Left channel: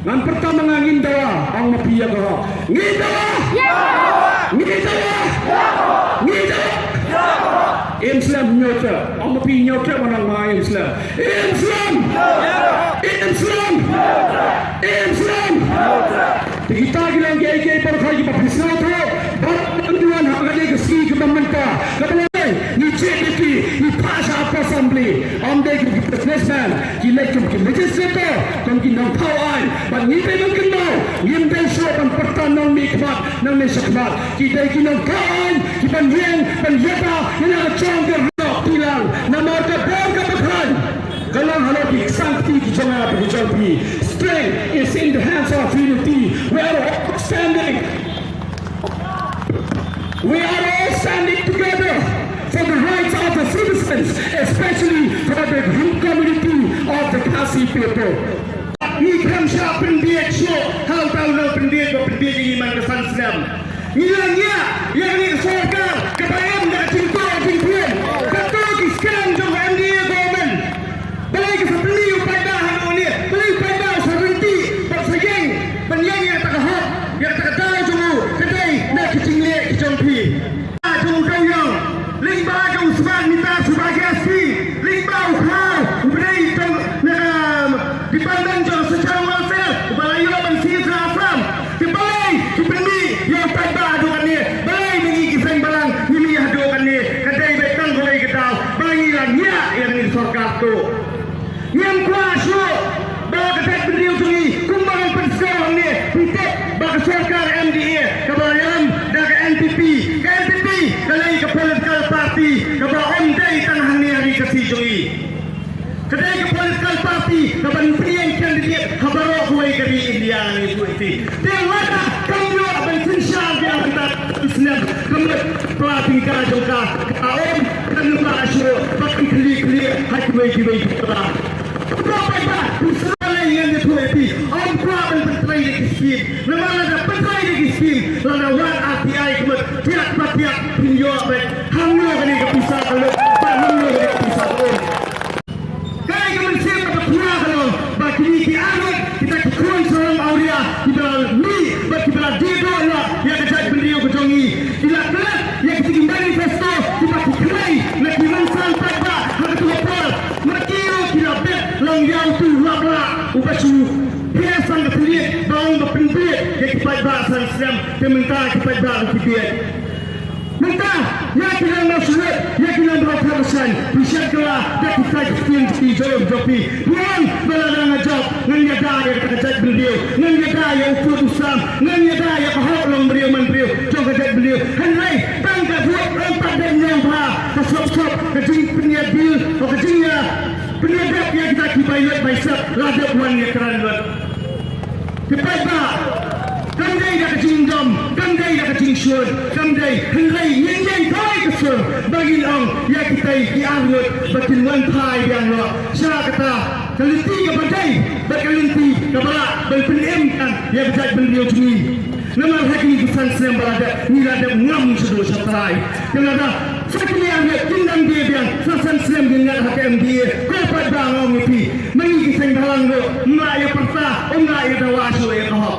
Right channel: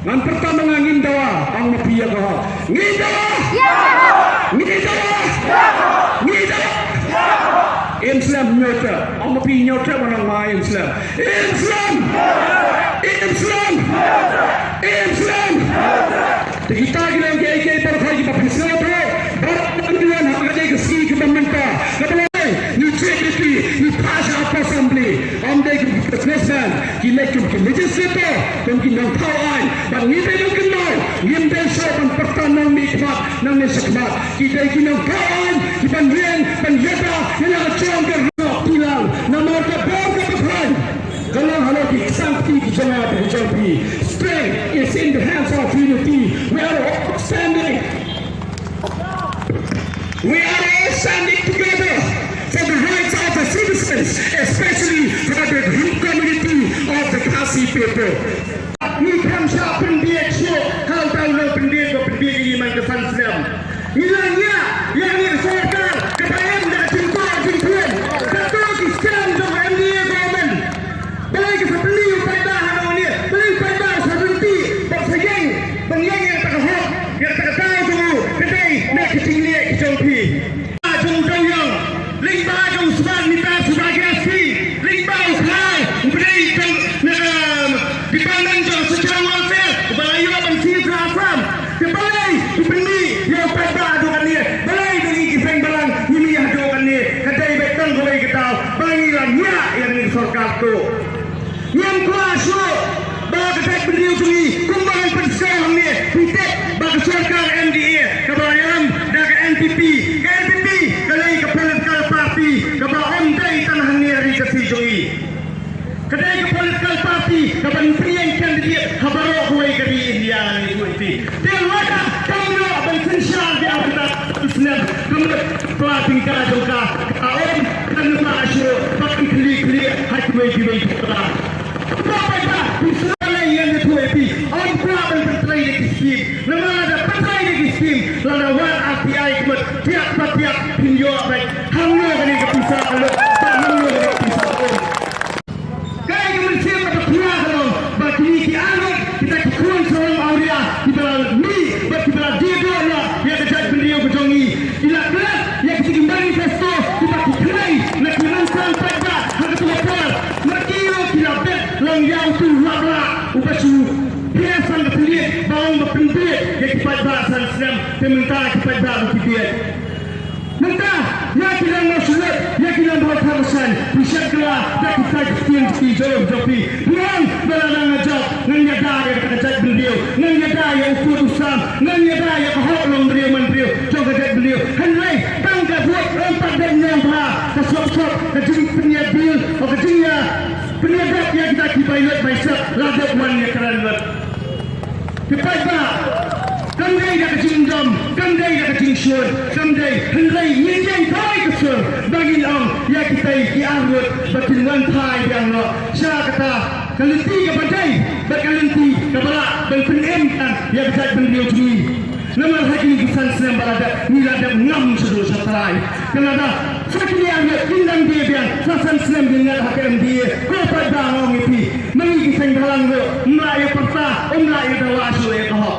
Ngan pertama ngin dawa ang mapiya ko. Ngin dawa. Ngin dawa. Ngin dawa. Islam nyota. Ang mapiya nyota manang mga Islam. Islam. Islam. Islam. Kita gilang kaya terkait berpisah tu. Berapa ada kesi kebanmenta. Kedua ni cekiti ni pasal apa assembly. Anda kita presiden. Kita legislator. Kita kawan. Dan ni belum kenal. Yang besok dan pertandang nikmat dan nikmat. Kita kawan. Kita penjata yang ada contoh hilang. Nama terbaik kebetulan. Kalau hal ini sakti jangan berjauhi. Strength is in the hands of unity. We are all standing together for the rights of the citizens, especially for the community of the Khasi people. Ni kan siapa pendidik syok, hal tahu lo pendidik iman kesan Islam. Hilangnya yang ni serkan ketayam dah cinta cintuan. Kata kisah untuk NDA government. Belai kesepeli pada nama ni, belai pada serentik tak segeng, pengen yang tak hak, yang tak tahu tu, kedai nak kecing liat kecong pi. Jom kayang, lingba jom seban minta sebagai asli, lingba usah, beri jom dipandang jom secara wasel, balai lo bensin serasam, balai dipeni yang tak adukan ni, balai bagi kifeng balang ini adukan ni, kedai betang balai ketau, balai lanya yang di sorga tu. Yang kuasa bagi kedai beliau sini, kembali bersama ni, kita bagi sorga MDA, kebayan dari NPP, kalai ke political party kaba ondai tanah ni hari kesijui kedai ke political party kaba priang kandidat kabaro huai kari India ni suiti dia mana kamu berfungsi dia kita Islam kamu pelaping karajoka kaum kamu asyo bahkan kli hakmai kibai kita berapa misalnya yang suiti orang kuat bertrai di kisim nada bertrai di kisim lana wan API kemat tiap pinjau baik kamu kali kepisah kalau kamu kali kepisah pun kaya kemensiap kata kuah kalau bagi ni amat kita kekuan seorang awliya kita ni bagi kita diego lah yang kejat beliau kejongi bila kelas yang kita manifesto kita kukulai nak dimansang pada harga tuapel nak kira kita bet lang yang tu wabla upacu biasan kepelik bawang berpendik yang kipat bahasa Islam sementara kipat bahasa kipiat minta ya kita masyarakat ya kita berhasil bisa kelah dan kita sekian jauh jopi pulang berada ngajak ngajak yang kejat beliau ngajak yang ukur Islam ngajak yang hak long beliau jauh kejat beliau henry bangga buat empat dan yang bah kesop-sop kejing penyabil kejingnya penyabat yang kita kibailat baisat ladat wannya keranat kepada kandai dah kecing dom, kandai dah kecing syur, kandai nyanyi kali kesur bagi orang yang kita dianggap batin wantai dianggap syarah kata kalenti ke badai kalenti ke balak dan pengemkan yang berjaya beliau cumi nama hakim kesan Islam berada nilada ngam sebelum syatarai kenapa sakit anggap tindang dia biang sasan Islam dengan hakim dia berapa orang itu mengi kisah dalam lo melayu perta melayu dawasu ya kahok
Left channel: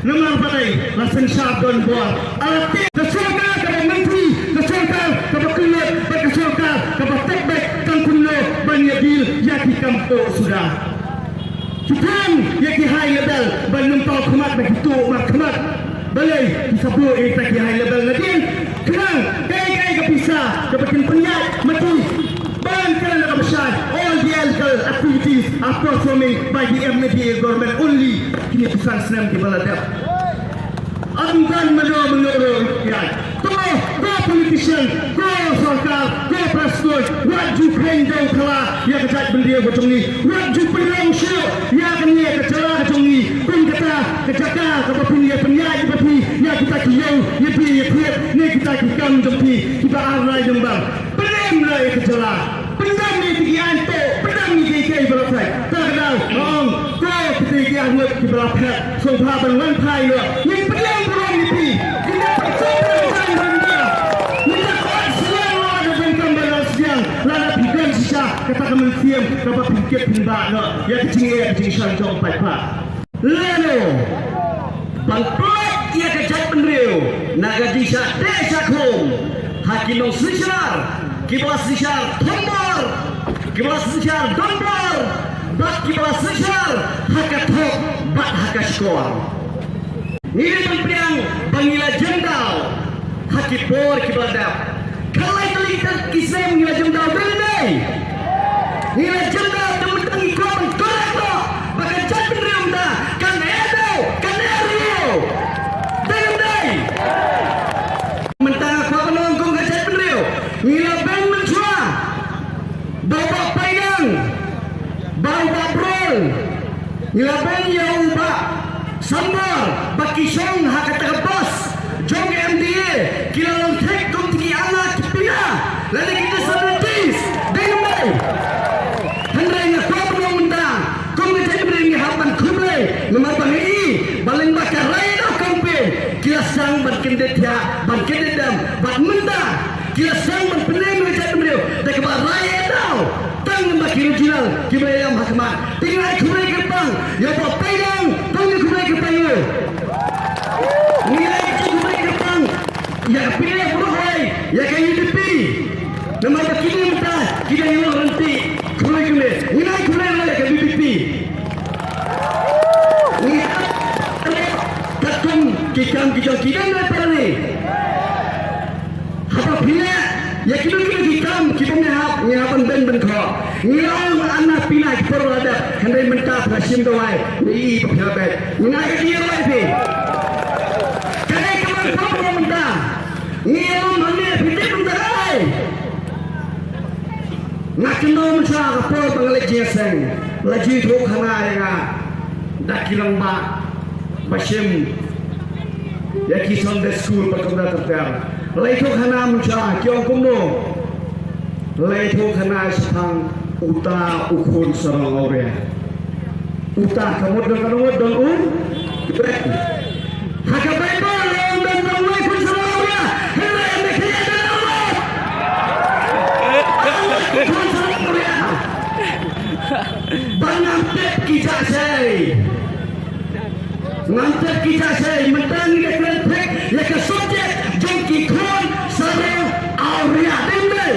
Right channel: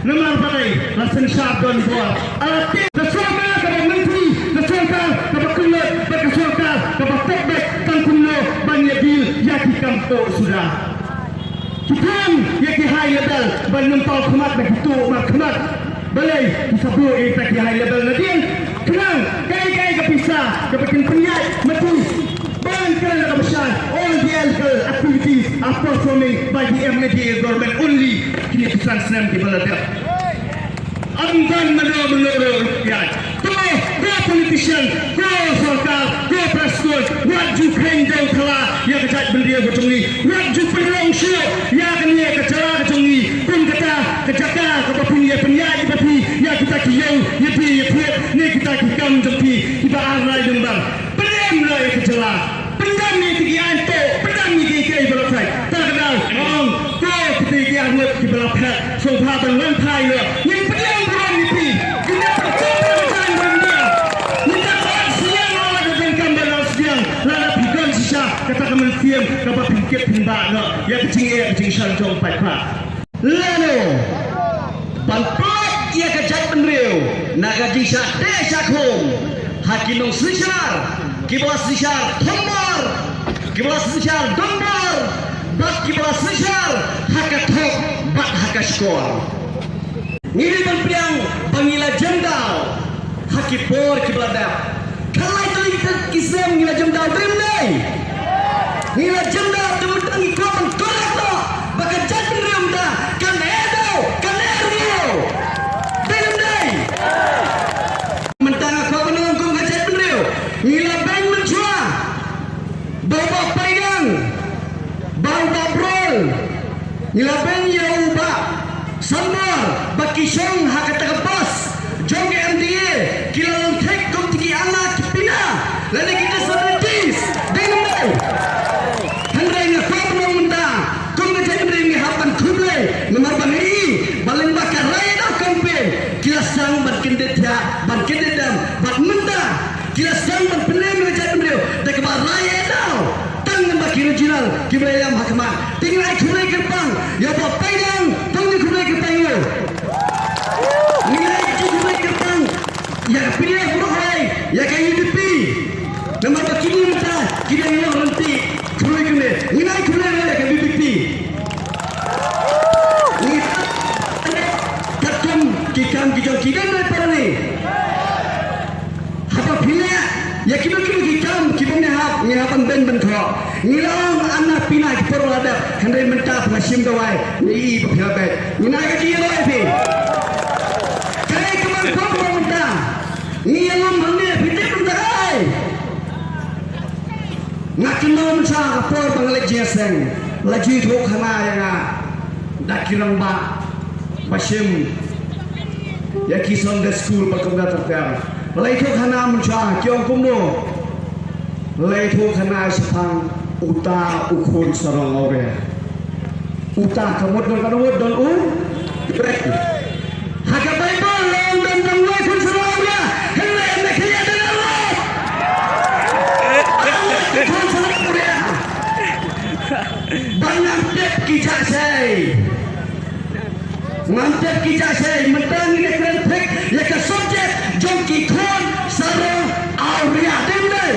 nama bagai langsung syabdan buat alat kesulitan kepada menteri kesulitan kepada keluar kesulitan kepada tekbek kan kuno banyak bil yang dikampung sudah Tuhan yang di high level belum tahu kemat begitu kemat balai disebut kita di high level nanti kenang kai kepisah kepada penyiat mati ban kerana besar all the illegal activities are performing by the MDA government only di besar Islam di Malaysia. Angkan menurut ya, go politician, go sarkar, go presiden, wajib kering jauh telah yang kejat beliau bercungi, wajib penyong syok yang kini kecara bercungi, pun kata kejaka kata penyiap tapi yang kita kiyau, ya ni kita kikam jampi, kita arai dembang, pendam lah kejala, pendam ni tinggi anto, pendam ni kiki berlapai, tak kenal, go ketika anggap di berlapai, sohaban lantai le, yang pendam kata kemensiam dapat pikir timbang yang kecil yang kecil jom 8 pula Lalu Bangkok ia kejat penriu naga disha desa khum hakimong sishar kibla sishar thombar kibla sishar dombar bak kibla sishar hakathok bak hakaskor ngiri pempriang bangila jendal hakipor kiblada kalai kalitan kisam ngila jendal bendai ngila jendal temudang ikut korakno baka jat penriu da kan edo kan erio bendai mentang kau menunggu kejat penriu ngila beng menjua bawa payang bawa babrol ngila beng yauba sambal baki syong hakatabas jong MDA kila lontek kum tinggi anak kepila lalu kita sebutis dengar hendai ngakau mengundang kum kejat penriu hapan kublai nomor bangiri baling bakar lain dah kampen kila sang berkendetia berkendedam bermenda kila sang berpeneng kejat penriu dah kebar lain dah tang membaki regional kibayam hakmat tinggal kublai kerpang ya bawa pedang tunggu kublai kerpang yo nilai kublai kerpang ya pilih buruhai ya kayu UDP nama bakini minta kita ini berhenti kublai kene nilai kublai ya kayu UDP katung kikam kikam lepas ni apa pilih ya kita kikam ni hapan ben kau ngilang anak pinai kita ada hendai mentah nasim dawai ni berhabat ngai dia lagi kai kamu kau mentah ngilang mana fitik mentai nak kena mencah apa bangalek jiaseng lagi rok hana yang dak kilang ba basim ya kison de school berkomda terter lagi rok hana mencah kiong kumno lagi rok hana sepang uta ukur sarang ore uta kamut dan kamut dan haga bible dan mulai kun sarang ore hele me khiya dan Allah banyak tep kijasai ngantep kijasai mentang ni krentek ya ke subjek jongki khon sarang auria dindai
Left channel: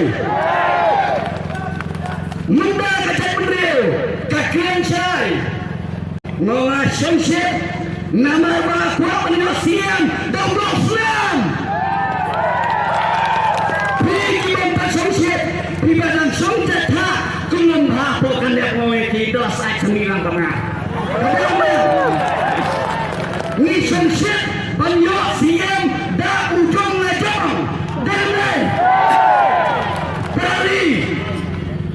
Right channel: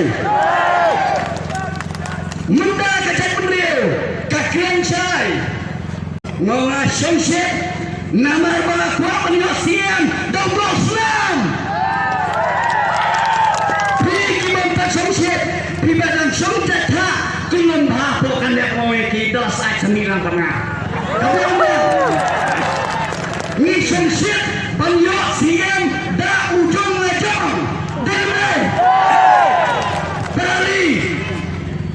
muda kejat penriu kakian syai ngawa syamsyid nama bala kuat penyosian dan beroslam pergi mempak syamsyid pribadan syamsyid ha kunum hapokan dia kowe kita saat sembilan pernah ni syamsyid penyosian dan ujung ngajong damai dari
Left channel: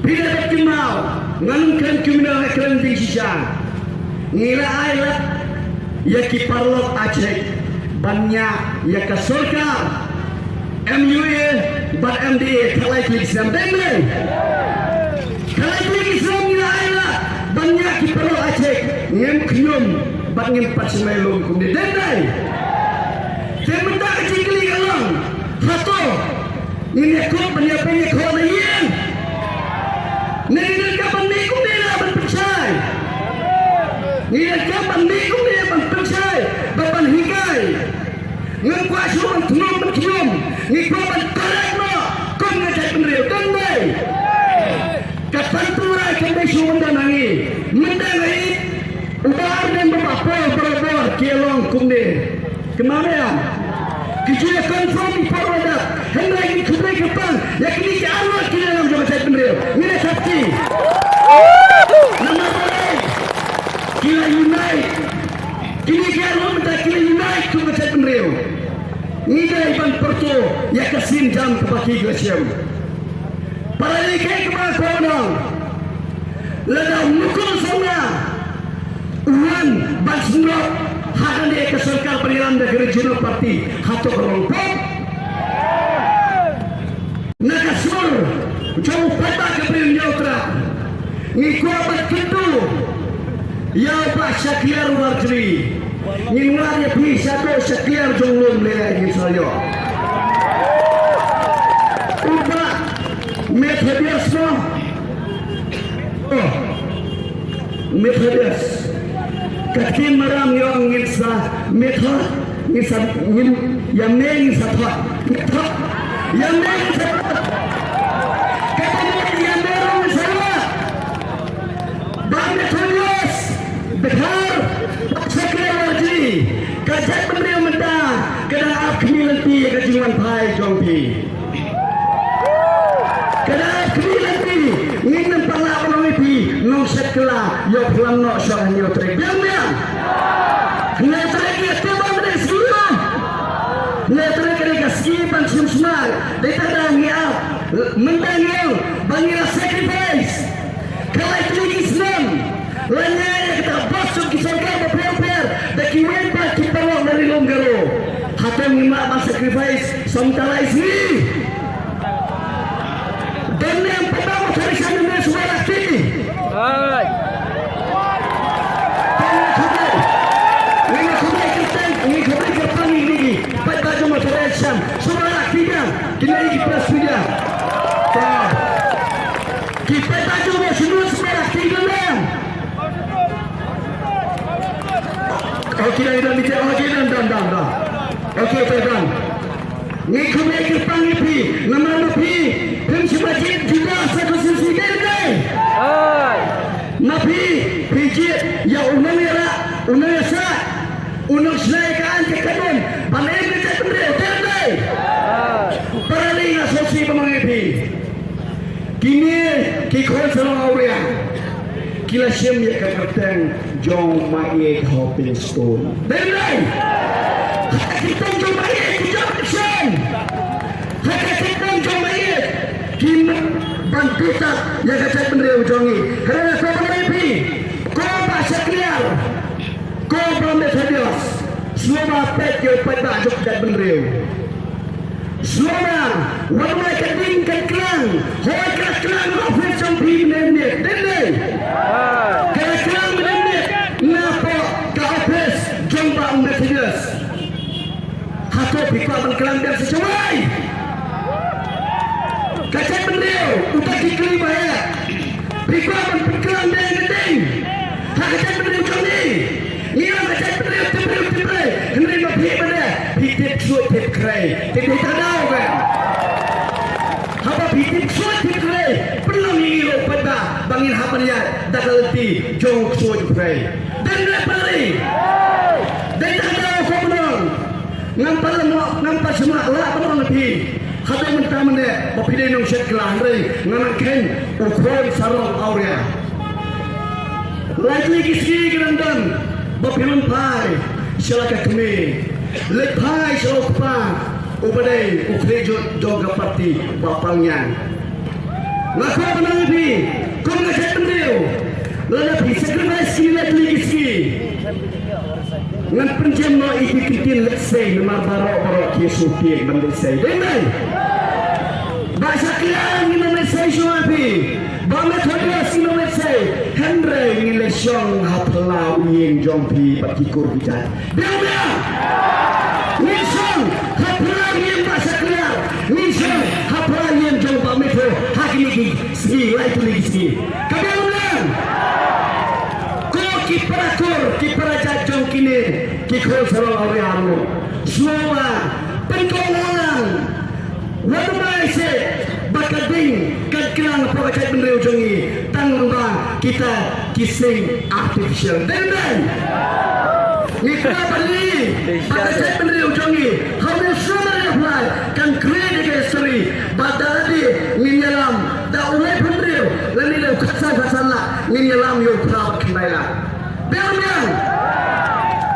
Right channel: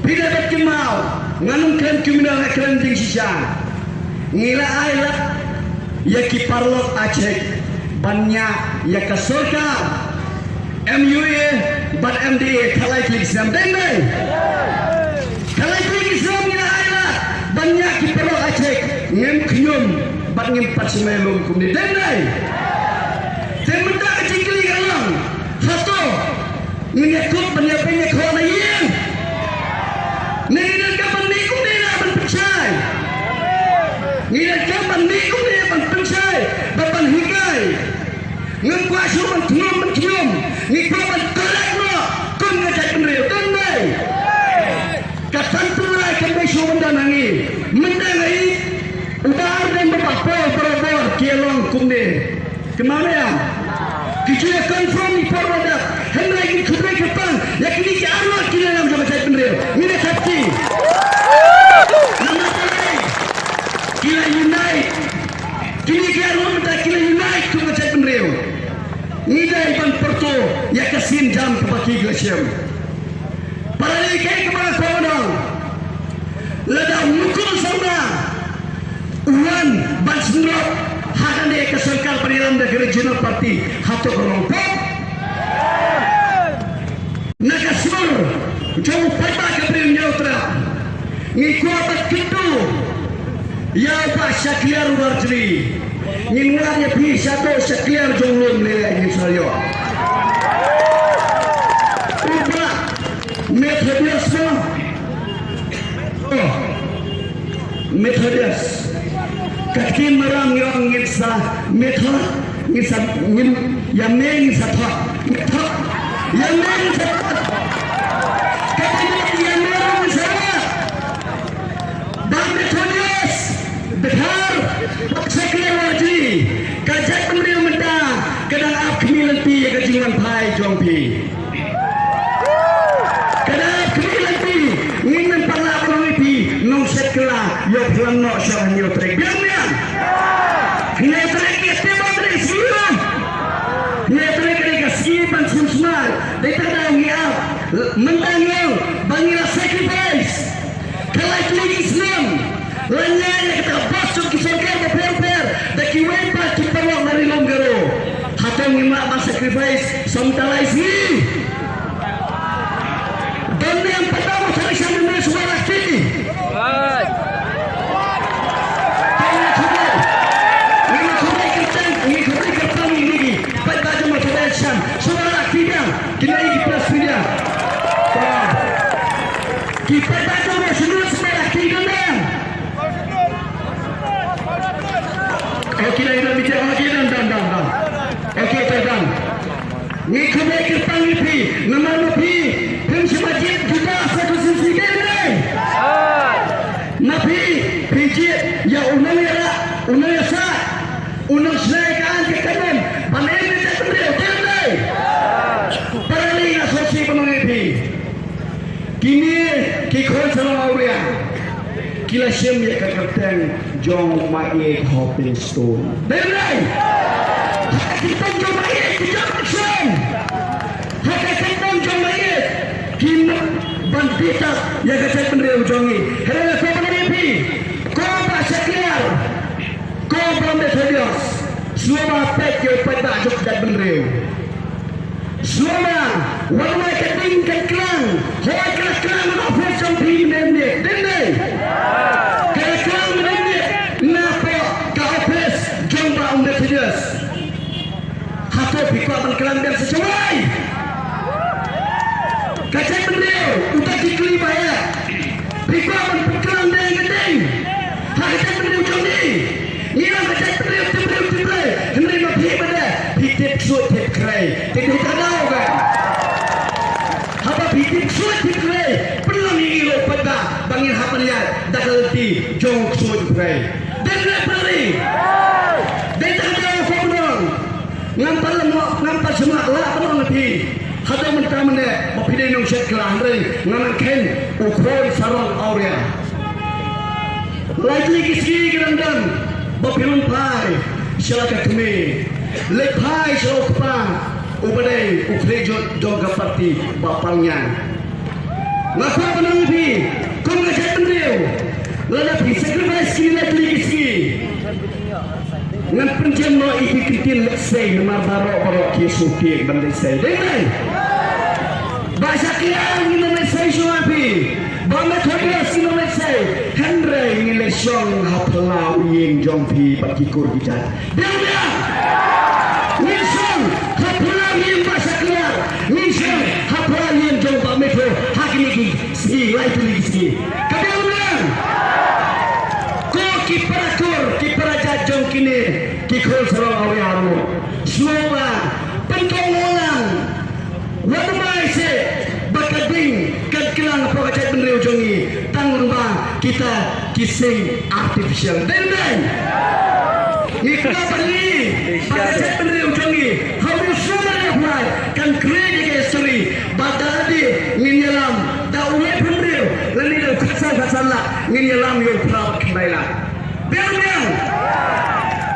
bila bertimau nganungkan kriminal cleansing sisa ngila ailat ya kiparlok Aceh banyak ya ke surga MUA bat MDA kalai klik Islam dengai kalai klik Islam ngila ailat banyak kiparlok Aceh ngem knyum bat ngem pat semelum kumdi dengai temenda kecikli Allah satu ngekut penyampainya kau yang Nila kapan ni kau ni lah berpercay. Nila kapan ni kau ni lah berpercay. Bapan hikai. Ngekuat suruh mencium. Ngikuat berkalak lo. Kau ngajak penriu. Kau ni. Katan tulai kembali suruh mendanangi. Mendangi. Ubar dan berpapol. Berobor. Kielong kau ni. Kemana ya? Kijua confirm di Porwadat. Hendak ini kubri kepang. Yang ini ke Allah kira dalam jabatan penriu. Ini saksi. Nama boleh. Kila unite. Kini ke Allah minta kila unite tu jabatan penriu. Ini dah ibang perto. Ya kesin jam kebaki glasiam. Para likai kemana kawan. Lada mukul sama. Uwan ban semula. Hakan dia ke serkar penilan dari regional parti. Hatok rompok. Nakasur jauh pada keberin neutra ngikuat ketu ya pak syakliar warjri ngilwarnya pi satu syakliar jonglum nilai insyaallah ubah Methodist Kakin merang yang ngisa method ngisa ngin yang ngisa thot thot yang ngisa thot kakin yang ngisa dan metodius benar sekretarji kajat beliau menda kena akmilati kejiwan pai jongpi kena akmilati ngin pala ngiti nong sekla yo pulang no syah yo trek biar kena trek ya temang ni sila kena trek ni kasih ban sunmal deta dah ngia mendang bangira sacrifice kalau itu Islam Lanyanya kita basuh kisahkan berper dan kiwempa kita nak dari longgaro hatang imak sacrifice sementara isi dan yang pertama cari sana suara kini suara kita lagi plus media kita baju sini suara kita memang kita dah bicara lagi dan okey teman ni kami panggil pi nama pi semakin juga satu sisi ni napi pijit ya unang ya sah unang selaikan ke kanan panen ni tak berdaya terdai paraling asosiasi pemanggil pi kini kikon selama orang kila syem ya kapten jong mai hopping stone terdai kita jong mai jong syem kita jong mai kini bandita ya kapten bendera jongi kerana apa pemanggil pi kau bahasa clear kau bermethodius semua pek yang pada juk dan bendera semua warna keting kelang hoa kelang maupun sampai nemne dendai kelang nemne napa kahapes jomba methodius hato pikir kelang dan sesuai kata bendera utak dikeli bayar pikir kelang dan keting kata bendera kami Ia macam terus henry mati pada hidup suat hidup kerai tidak tahu kan apa hidup suat hidup kerai perlu mengilu pada bangin hapanya dah keleti jauh suat kerai dan lepari dan tak tahu korban nampak semua lah teman mati kata minta mana mapide nong set kelang ring nganan ken ukor sarong aurea lagi kisi gerandam Bapilun pai syalaka kami lepai syalokpa ubadai ukrejo joga parti bapalnya ngapa penabi kau ngajak beliau lada sacrifice kini lagi ngan penjam no iki kitin lesai nama barok kisuti dan lesai dai bahasa kian ni lesai suapi Bama kerja sino lesai Henry ni lesong haplau yang jompi bakikur bicara. Dia Nisong haplau yang bahasa kelar. Nisong haplau yang jompa metro hak lagi segi right lagi segi. Kemudian ko kiparaja jom kini kikol sarang awyamu. Semua pengkawalan wadamai se bakading kelang pokok bendera jongi tanpa kita kising artificial dan ni kenapa ni pokok bendera jongi harus sudah apply kan create history badadi minyalam dah ulai bendera lalu dah kasa lah minyalam yo proud kembali biar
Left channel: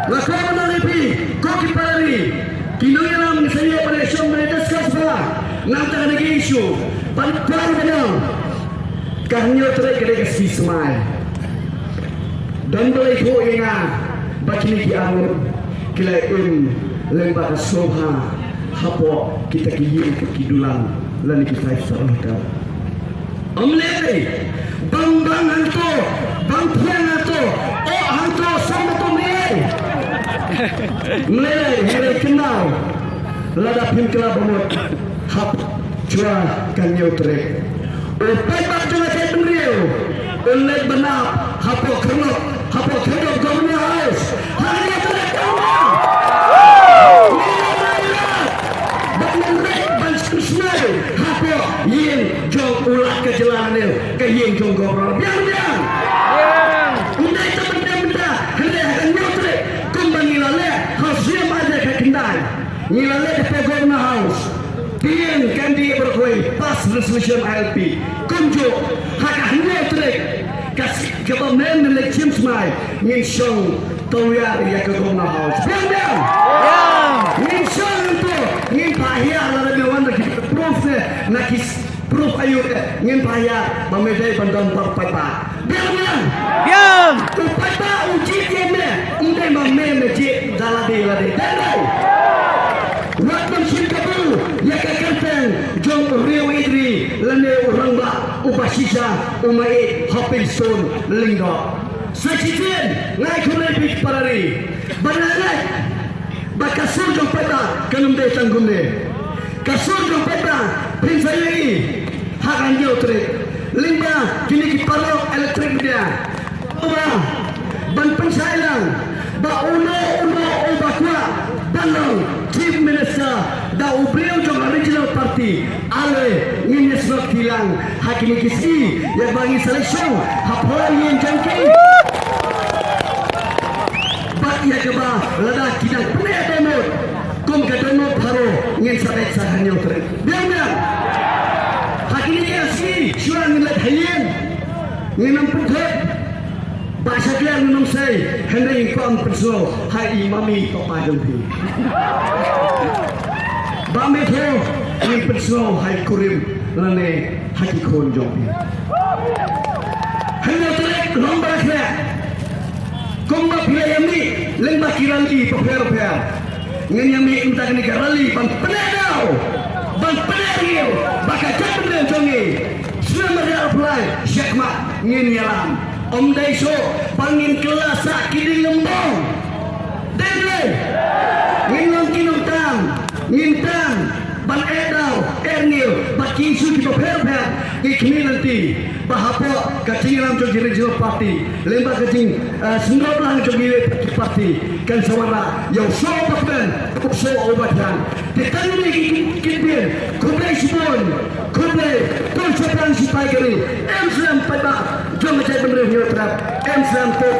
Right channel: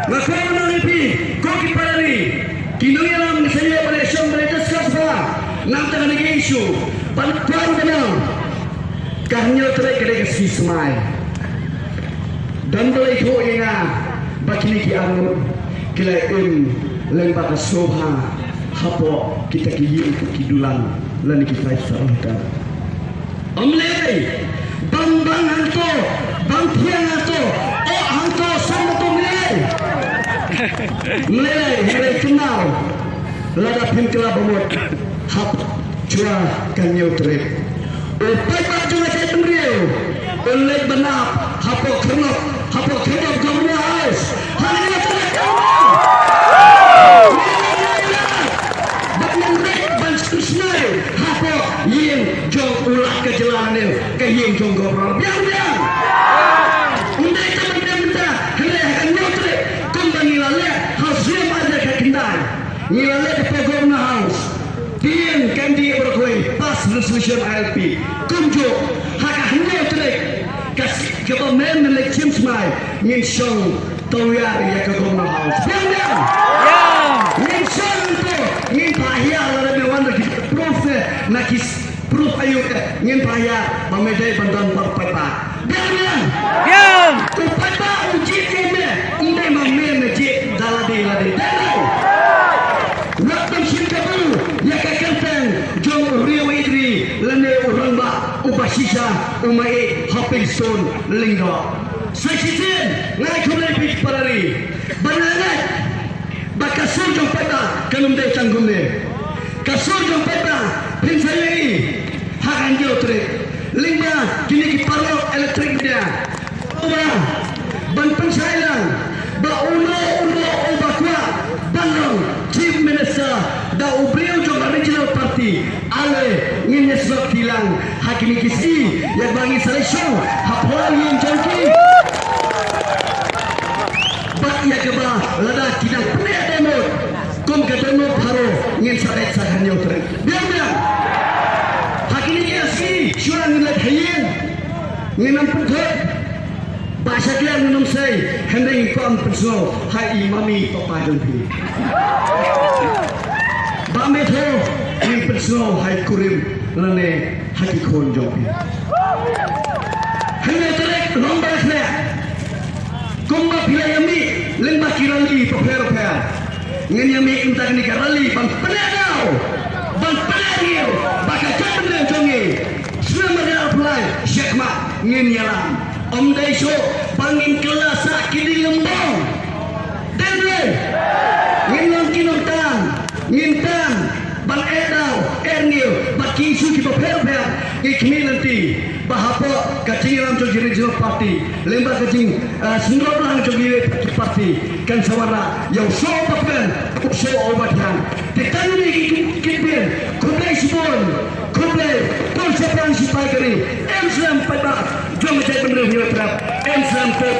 masa menanggapi kau kipari kinyalam saya Malaysia mereka sekarang nanti lagi isu Pantuan benar Kahnya terai kedai kasih semai Dan boleh ikut yang Bakili ki amu Kila lembak soha Hapo kita kiyu kidulang Lani kita isyarat Omlei Bang hantu Bang tiang hantu Oh hantu sama tu mulai Mulai kenal Lada pimkila bamut Hapo Cua kanyo trek. Pepak cua trek bendera. Oleh benar. Hapo kenop gambar. Malaysia ILP tunjuk hak hanya terek kasih government melek James Mai min song toyar ya ke Gomna House biar min song tu min bahaya lebih wan lagi proof nakis proof ayu min bahaya pemedai bandan pertama biar tu pada uji keme undai mamen je dalade lade dalai waktu cinta tu ya kakenteng jong Rio Idri lene orang ba ubasisa umai hopping stone linggo sekian ngai kunai pitch parari banarat bakasur jong peta kelumde canggumne kasur jong peta prinsai hakan dia utre lingga kini ki parau elektrik dia uba ban pensailang ba uno ubakwa Bangau Chief Minister da ubrian jong original party ale ngin sebab hilang hakini kisi yang bagi selection hapoi yang jangki bak ya keba lada tidak punya demo kom ke demo tharo ngin sarai sahanyo keren dia hakini kisi syuran nilai hayen ngin ampun ke bahasa dia minum saya hendak ikam personal hai imami papa jumpi bame tho yang personal hai kurim lane hati kon jumpi hanya terek lomba saya kumba pilih yami lembah kirali peper ngen yami intak ni karali bang penadau bang penadir bakal jalan jongi selama dia apply syakma ngen yalam Om Daiso pangin kelas kini lembong. Dede, nginong kinong ngintang, bang edau, ernil, baki isu di beberapa ikmi nanti bahapo kacing ram jogi regional party, lembah kacing sendok lang jogi party kan sawana yang so bakben, so obatian. Ditanya ni kimpin, kudai sibon, kudai konsepan sipai kiri, emsam pada jom macam benda ni terap, emsam kau